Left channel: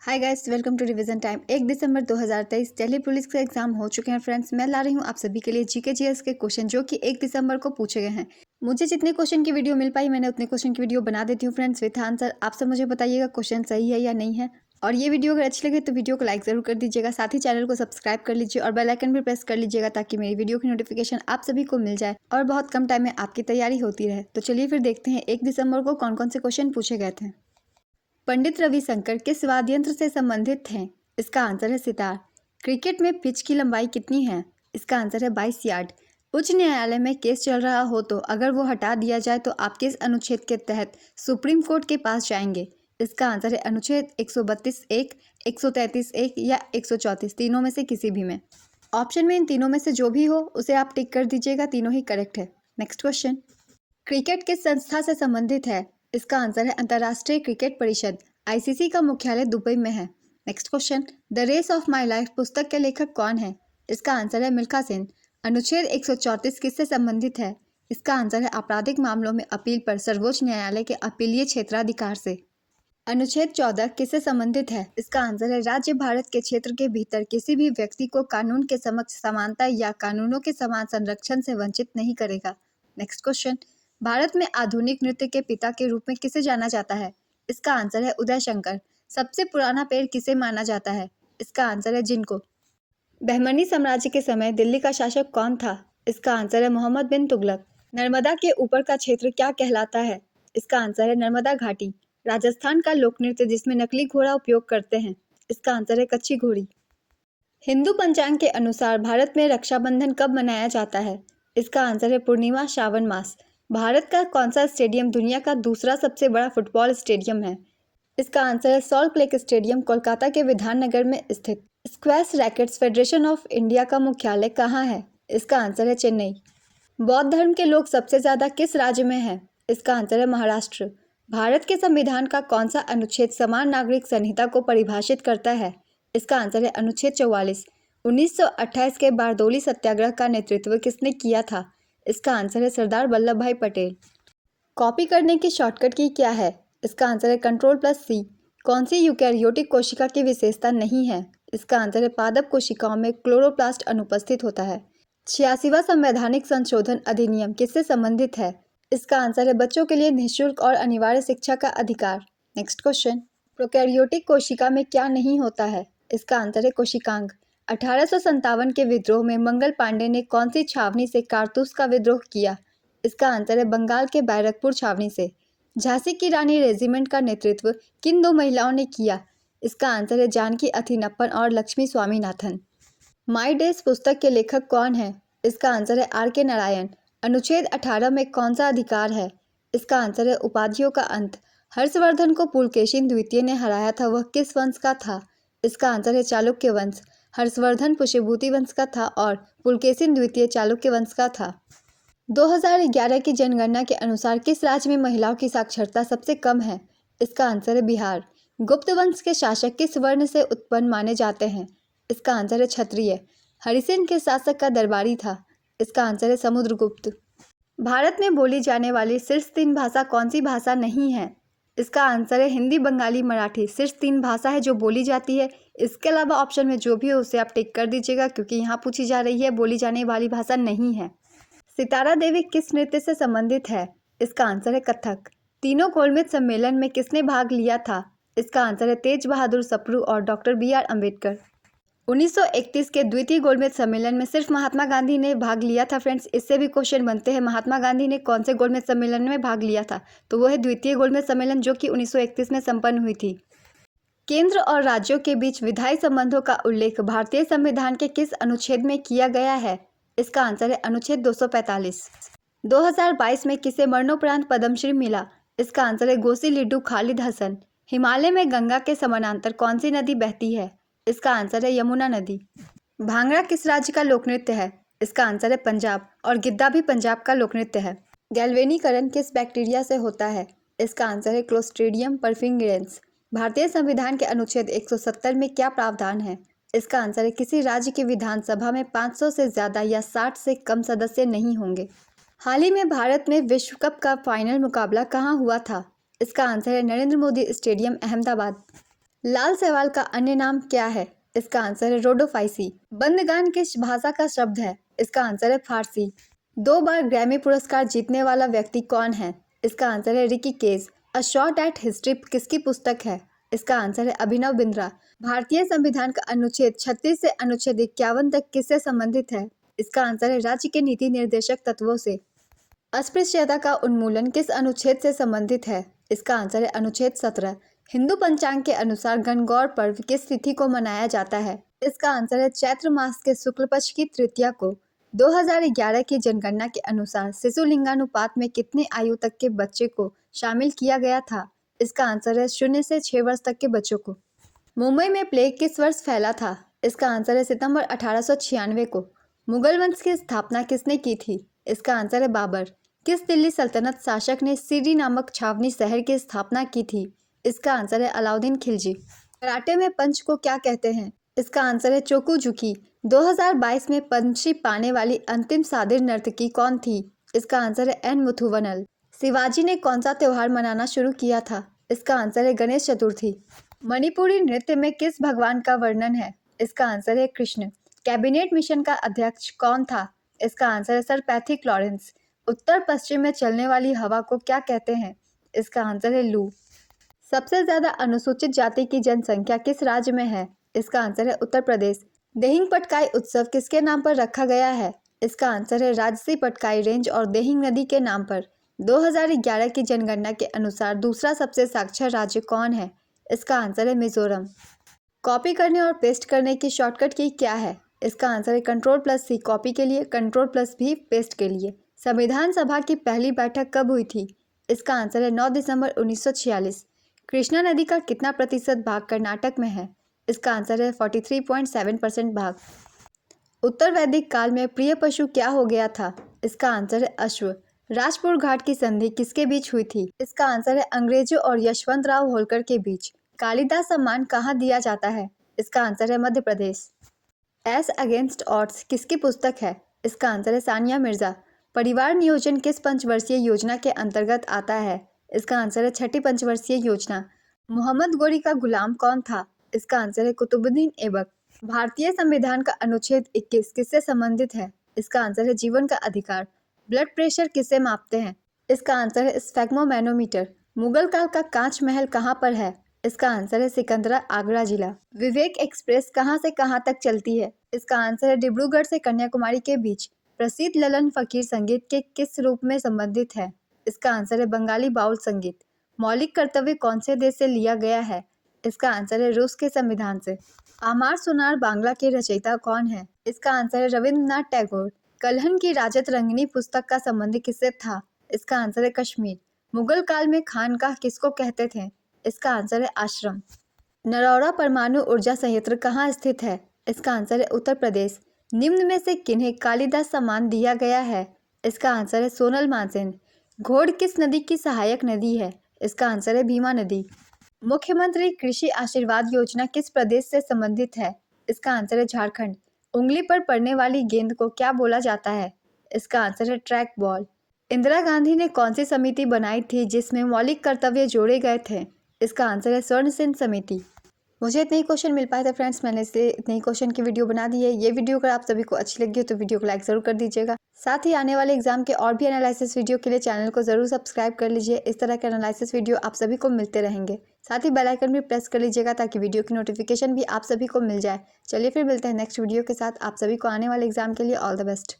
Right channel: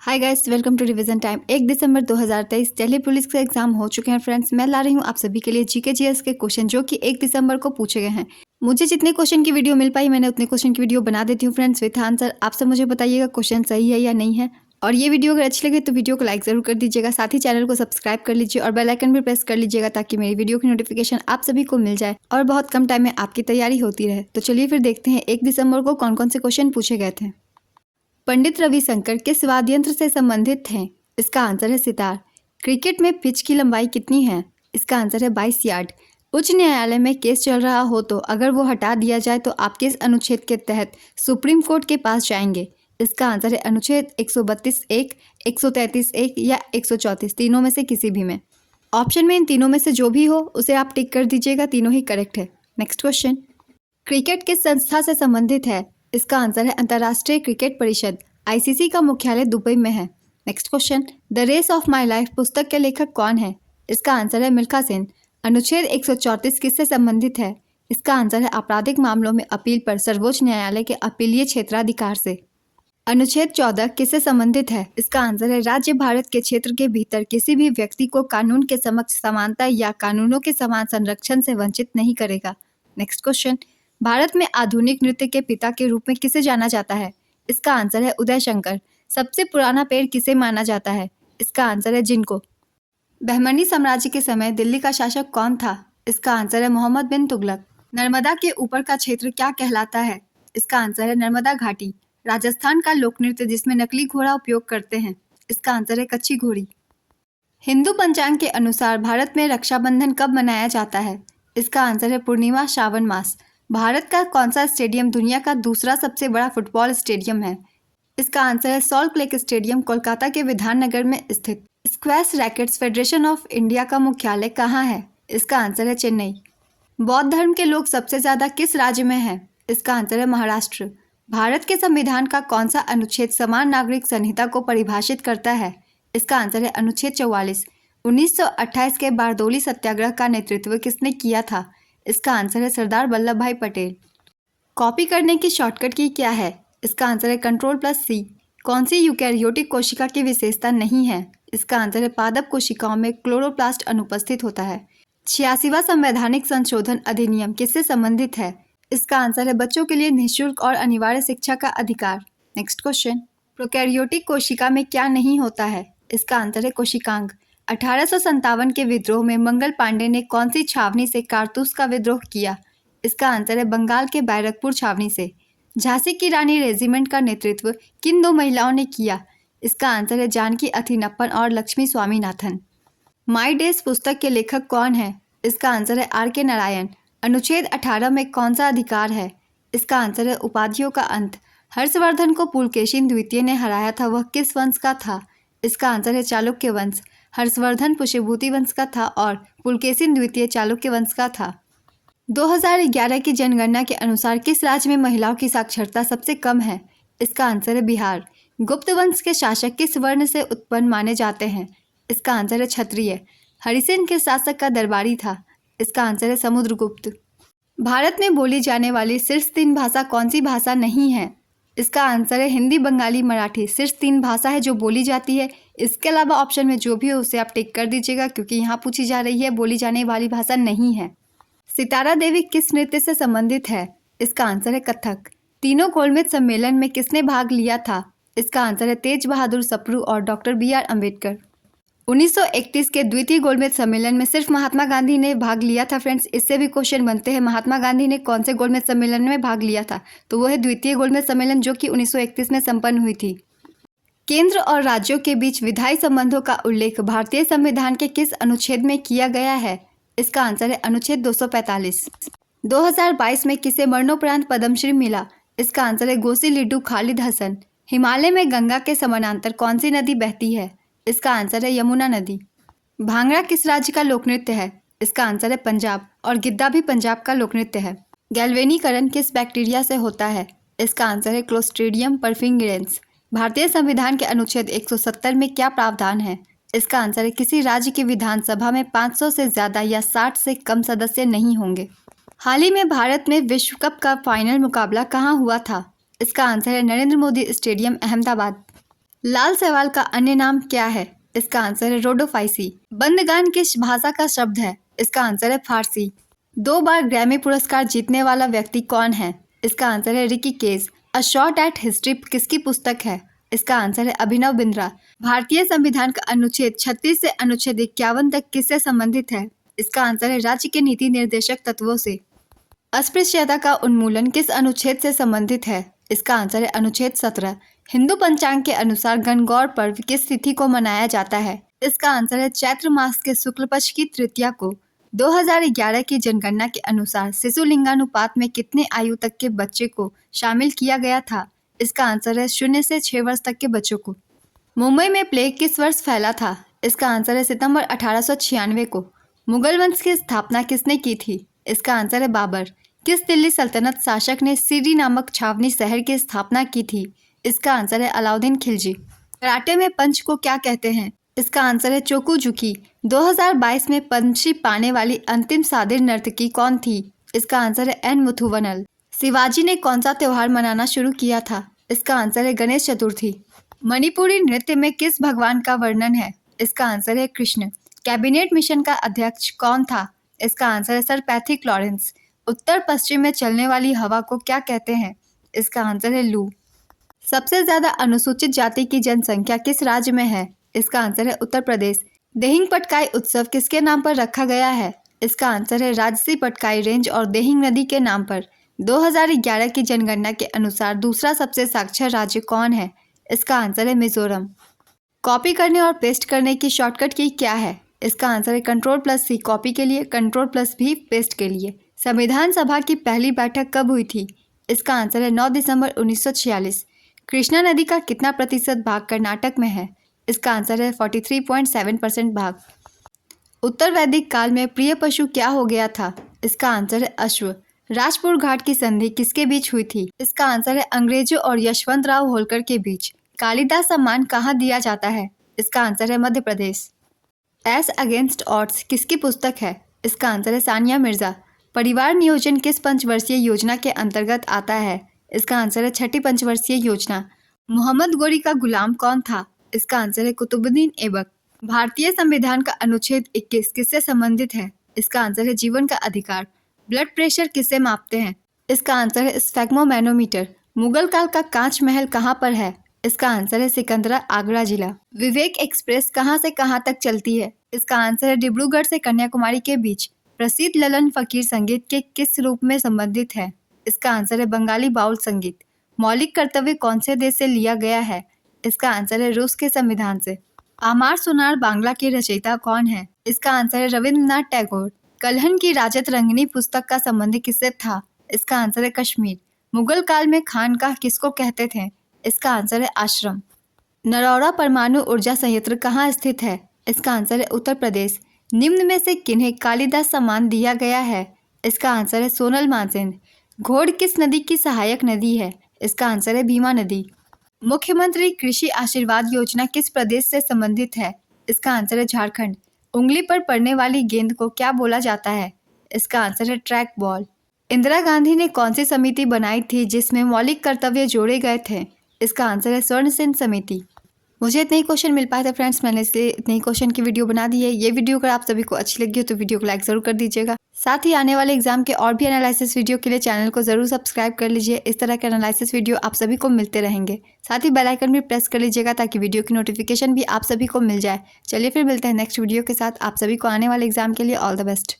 Hi guys, welcome to revision time. 1 दिसंबर 2023 Delhi police का exam हो चुके हैं फ्रेंड्स। मैं ला रही हूँ आप सभी के लिए जीके जीएस के क्वेश्चन जो कि 1 दिसंबर को पूछे गए हैं। मुझे जितने क्वेश्चन की वीडियो मिल पाई मैंने उतने क्वेश्चन की वीडियो बना देती हूँ फ्रेंड्स विथ आंसर। आप सब मुझे बताइएगा क्वेश्चन सही है या नहीं है। और ये वीडियो अगर अच्छी लगे तो वीडियो को लाइक जरूर कर दीजिएगा, साथ ही चैनल को सब्सक्राइब कर लीजिए और बेल आइकन भी प्रेस कर लीजिएगा ताकि मेरी वीडियो की नोटिफिकेशन आप सभी को मिल जाए और बहुत कम टाइम में आपकी तैयारी होती रहे। तो चलिए फिर देखते हैं 1 दिसंबर को कौन कौन से क्वेश्चन पूछे गए थे। पंडित रविशंकर किस वाद्य यंत्र से संबंधित हैं? इसका आंसर है सितार। क्रिकेट में पिच की लंबाई कितनी है? इसका आंसर है 22 यार्ड। उच्च न्यायालय में केस चल रहा हो तो अगर वो हटा दिया जाए तो आप किस अनुच्छेद के तहत सुप्रीम कोर्ट के पास जाएंगे? इसका आंसर है अनुच्छेद 132(1), 133(1) या 134, तीनों में से किसी भी में। ऑप्शन में इन तीनों में से जो भी हो उसे आप टिक कर दीजिएगा, तीनों ही करेक्ट है। नेक्स्ट क्वेश्चन, क्रिकेट किस संस्था से संबंधित है? इसका आंसर है अंतर्राष्ट्रीय क्रिकेट परिषद। आईसीसी का मुख्यालय दुबई में है। Next question, the race of my life पुस्तक के लेखक कौन है? इसका आंसर है मिल्खा सेन। अनुच्छेद 134 किससे संबंधित है? इसका आंसर है आपराधिक मामलों में अपील पर सर्वोच्च न्यायालय के अपीलीय क्षेत्राधिकार से। अनुच्छेद 14 किससे संबंधित है? इसका आंसर है राज्य भारत के क्षेत्र के भीतर किसी भी व्यक्ति को कानून के समक्ष समानता या कानूनों के समान संरक्षण से वंचित नहीं करेगा। नेक्स्ट क्वेश्चन, भारत में आधुनिक नृत्य के पिता के रूप में किसे जाना जाता है? इसका आंसर है उदय शंकर। सबसे पुराना पेड़ किसे माना जाता है? इसका आंसर है जिनको। बहमनी साम्राज्य के समय दिल्ली का शासक कौन था? इसका आंसर है मोहम्मद बिन तुगलक। नर्मदा के ऊपर का क्षेत्र क्या कहलाता है? इसका आंसर है नर्मदा घाटी। राजस्थान का लोक नृत्य जिसमें नकली घोड़ा उपयोग करते हैं, इसका आंसर है कच्ची घोड़ी। हिंदू पंचांग के अनुसार भारत में रक्षाबंधन कब मनाया जाता है? इसका आंसर है पूर्णिमा श्रावण मास। भारत का कौन सा स्टेडियम दुनिया का दूसरा सबसे बड़ा फुटबॉल स्टेडियम है? इसका आंसर है सॉल्ट लेक स्टेडियम, कोलकाता के विधाननगर में स्थित। Squash rackets federation of India का मुख्यालय कहाँ है? इसका आंसर है चेन्नई। बौद्ध धर्म के लोग सबसे ज्यादा किस राज्य में हैं? इसका आंसर है महाराष्ट्र। भारत के संविधान का कौन सा अनुच्छेद समान नागरिक संहिता को परिभाषित करता है? इसका आंसर है अनुच्छेद 44। 1928 के बारदौली सत्याग्रह का नेतृत्व किसने किया था? इसका आंसर है सरदार वल्लभ भाई पटेल। कॉपी करने की शॉर्टकट की क्या है? इसका आंसर है Ctrl+C। कौन सी यूकैरियोटिक कोशिका की विशेषता नहीं है? इसका आंसर है पादप कोशिकाओं में क्लोरोप्लास्ट अनुपस्थित होता है। 86वां संवैधानिक संशोधन अधिनियम किससे संबंधित है? इसका आंसर है बच्चों के लिए निःशुल्क और अनिवार्य शिक्षा का अधिकार। नेक्स्ट क्वेश्चन, प्रोकैरियोटिक कोशिका में क्या नहीं होता है? इसका आंसर है कोशिकांग। 1857 के विद्रोह में मंगल पांडे ने कौन सी छावनी से कारतूस का विद्रोह किया? इसका आंसर है बंगाल के बैरकपुर छावनी से। झांसी की रानी रेजिमेंट का नेतृत्व किन दो महिलाओं ने किया? इसका आंसर है जानकी अथिनप्पन और लक्ष्मी स्वामीनाथन। माई डेज पुस्तक के लेखक कौन है? इसका आंसर है R.K. नारायण। अनुच्छेद 18 में कौन सा अधिकार है? इसका आंसर है उपाधियों का अंत। हर्षवर्धन को पुलकेशिन द्वितीय ने हराया था, वह किस वंश का था? इसका आंसर है चालुक्य वंश। हर्षवर्धन पुष्यभूति वंश का था और पुलकेशिन द्वितीय चालुक्य वंश का था। 2011 की जनगणना के अनुसार किस राज्य में महिलाओं की साक्षरता सबसे कम है? इसका आंसर है बिहार। गुप्त वंश के शासक किस वर्ण से उत्पन्न माने जाते हैं? इसका आंसर है क्षत्रिय। हरिसेन के शासक का दरबारी था? इसका आंसर है समुद्रगुप्त। भारत में बोली जाने वाली शीर्ष 3 भाषा कौन सी भाषा नहीं है? इसका आंसर है हिंदी, बंगाली, मराठी। शीर्ष 3 भाषा है जो बोली जाती है। इसके अलावा ऑप्शन में जो भी हो उसे आप टिक कर दीजिएगा क्योंकि यहाँ पूछी जा रही है बोली जाने वाली भाषा नहीं है। सितारा देवी किस नृत्य से संबंधित है? इसका आंसर है कथक। तीनों गोलमेज सम्मेलन में किसने भाग लिया था? इसका आंसर है तेज बहादुर सप्रू और डॉक्टर B.R. अम्बेडकर। 1931 के द्वितीय गोलमेज सम्मेलन में सिर्फ महात्मा गांधी ने भाग लिया था फ्रेंड्स। इससे भी क्वेश्चन बनते हैं, महात्मा गांधी ने कौन से गोलमेज सम्मेलन में भाग लिया था? तो वो है द्वितीय गोलमेज सम्मेलन जो कि 1931 में संपन्न हुई थी। केंद्र और राज्यों के बीच विधायी संबंधों का उल्लेख भारतीय संविधान के किस अनुच्छेद में किया गया है? इसका आंसर है अनुच्छेद 245। 2022 में किसे मरणोपरांत पद्मश्री मिला? इसका आंसर है गोसी लिड्डू खालिद हसन। हिमालय में गंगा के समानांतर कौन सी नदी बहती है? इसका आंसर है यमुना नदी। भांगड़ा किस राज्य का लोकनृत्य है? इसका आंसर है पंजाब। और गिद्दा भी पंजाब का लोकनृत्य है। गैल्वेनीकरण किस बैक्टीरिया से होता है? इसका आंसर है क्लोस्ट्रीडियम परफिंगेरेंस। भारतीय संविधान के अनुच्छेद 170 में क्या प्रावधान है? इसका आंसर है किसी राज्य की विधानसभा में 500 से ज़्यादा या 60 से कम सदस्य नहीं होंगे। हाल ही में भारत में विश्व कप का फाइनल मुकाबला कहाँ हुआ था? इसका आंसर है नरेंद्र मोदी स्टेडियम, अहमदाबाद। लाल सवाल का अन्य नाम क्या है? इसका आंसर है रोडोफाइसी। बंदगान किस भाषा का शब्द है? इसका आंसर है फारसी। 2 बार ग्रैमी पुरस्कार जीतने वाला व्यक्ति कौन है? इसका आंसर है Ricky Kej. A shot at history किसकी पुस्तक है? इसका आंसर है अभिनव बिंद्रा। भारतीय संविधान का अनुच्छेद 36 से अनुच्छेद 51 तक किससे संबंधित है? इसका आंसर है राज्य के नीति निर्देशक तत्वों से। अस्पृश्यता का उन्मूलन किस अनुच्छेद से संबंधित है? इसका आंसर है अनुच्छेद 17। हिंदू पंचांग के अनुसार गणगौर पर्व किस तिथि को मनाया जाता है? इसका आंसर है चैत्र मास के शुक्ल पक्ष की तृतीया को। 2011 की जनगणना के अनुसार शिशु लिंगानुपात में कितने आयु तक के बच्चे को शामिल किया गया था? इसका आंसर है 0 से 6 वर्ष तक के बच्चों को। मुंबई में प्लेग किस वर्ष फैला था? इसका आंसर है सितंबर 1896 को। मुगल वंश की स्थापना किसने की थी? इसका आंसर है बाबर। किस दिल्ली सल्तनत शासक ने सीरी नामक छावनी शहर की स्थापना की थी? इसका आंसर है अलाउद्दीन खिलजी। कराटे में पंच को क्या कहते हैं? इसका आंसर है चोकुजुकी। 2022 में पद्मश्री पाने वाली अंतिम सादिर नर्तकी कौन थी? इसका आंसर है एन मुथुवनल। शिवाजी ने कौन सा त्योहार मनाना शुरू किया था? इसका आंसर है गणेश चतुर्थी। मणिपुरी नृत्य में किस भगवान का वर्णन है? इसका आंसर है कृष्ण। कैबिनेट मिशन का अध्यक्ष कौन था? इसका आंसर है सर पैथिक लॉरेंस। उत्तर पश्चिम में चलने वाली हवा को क्या कहते हैं? इसका आंसर है लू। सबसे ज्यादा अनुसूचित जाति की जनसंख्या किस राज्य में है? इसका आंसर है उत्तर प्रदेश। देहिंग पटकाई उत्सव किसके नाम पर रखा गया है? इसका आंसर है राजसी पटकाई रेंज और देहिंग नदी के नाम पर। 2011 की जनगणना के अनुसार दूसरा सबसे साक्षर राज्य कौन है? इसका आंसर है मिजोरम। कॉपी करने और पेस्ट करने की शॉर्टकट की क्या है? इसका आंसर है Ctrl+C कॉपी के लिए, Ctrl+V पेस्ट के लिए। संविधान सभा की पहली बैठक कब हुई थी? इसका आंसर है 9 दिसंबर 1946। कृष्णा नदी का कितना प्रतिशत भाग कर्नाटक में है? इसका आंसर है 43.7% भाग। उत्तर वैदिक काल में प्रिय पशु क्या हो गया था? इसका आंसर है अश्व। राजपुर घाट की संधि किसके बीच हुई थी? इसका आंसर है अंग्रेजों और यशवंतराव होलकर के बीच। कालिदास सम्मान कहाँ दिया जाता है? इसका आंसर है Madhya Pradesh. S against odds किसकी पुस्तक है? इसका आंसर है सानिया मिर्जा। परिवार नियोजन किस पंचवर्षीय योजना के अंतर्गत आता है? इसका आंसर है 6ठी पंचवर्षीय योजना। मोहम्मद गोरी का गुलाम कौन था? इसका आंसर है कुतुबुद्दीन ऐबक। भारतीय संविधान का अनुच्छेद 21 किससे संबंधित है? इसका आंसर है जीवन का अधिकार। ब्लड प्रेशर किसे मापते हैं? इसका आंसर है स्फेग्मोमैनोमीटर। मुगल काल का कांच महल कहाँ पर है? इसका आंसर है सिकंदरा, आगरा जिला। विवेक एक्सप्रेस कहाँ से कहाँ तक चलती है? इसका आंसर है डिब्रूगढ़ से कन्याकुमारी के बीच। प्रसिद्ध ललन फकीर संगीत के किस रूप में संबंधित है? इसका आंसर है बंगाली बाउल संगीत। मौलिक कर्तव्य कौन से देश से लिया गया है? इसका आंसर है रूस के संविधान से। आमार सुनार बांग्ला के रचयिता कौन है? इसका आंसर है रविंद्रनाथ टैगोर। कल्हन की राजत रंगिनी पुस्तक का संबंध किससे था? इसका आंसर है कश्मीर। मुगल काल में खानकाह किसको कहते थे? इसका आंसर है आश्रम। नरौरा परमाणु ऊर्जा संयंत्र कहाँ स्थित है? इसका आंसर है उत्तर प्रदेश। निम्न में से किन्हें कालिदास सम्मान दिया गया है? इसका आंसर है सोनल मानसिंह। घोड़ किस नदी की सहायक नदी है? इसका आंसर है भीमा नदी। मुख्यमंत्री कृषि आशीर्वाद योजना किस प्रदेश से संबंधित है? इसका आंसर है झारखंड। उंगली पर पड़ने वाली गेंद को क्या बोला जाता है? इसका आंसर है ट्रैक बॉल। इंदिरा गांधी ने कौन सी समिति बनाई थी जिसमें मौलिक कर्तव्य जोड़े गए थे? इसका आंसर है स्वर्ण सेन समिति। मुझे इतने ही क्वेश्चन मिल पाए थे फ्रेंड्स, मैंने इसलिए इतने ही क्वेश्चन की वीडियो बना दी है। ये वीडियो अगर आप सभी को अच्छी लगी हो तो वीडियो को लाइक ज़रूर कर दीजिएगा। साथ ही आने वाले एग्जाम के और भी एनालिसिस वीडियो के लिए चैनल को ज़रूर सब्सक्राइब कर लीजिए। इस तरह के एनालिसिस वीडियो आप सभी को मिलते रहेंगे। साथ ही बेल आइकन भी प्रेस कर लीजिएगा ताकि वीडियो की नोटिफिकेशन भी आप सभी को मिल जाए। चलिए फिर मिलते हैं नेक्स्ट वीडियो के साथ। आप सभी को आने वाले एग्जाम के लिए ऑल द बेस्ट।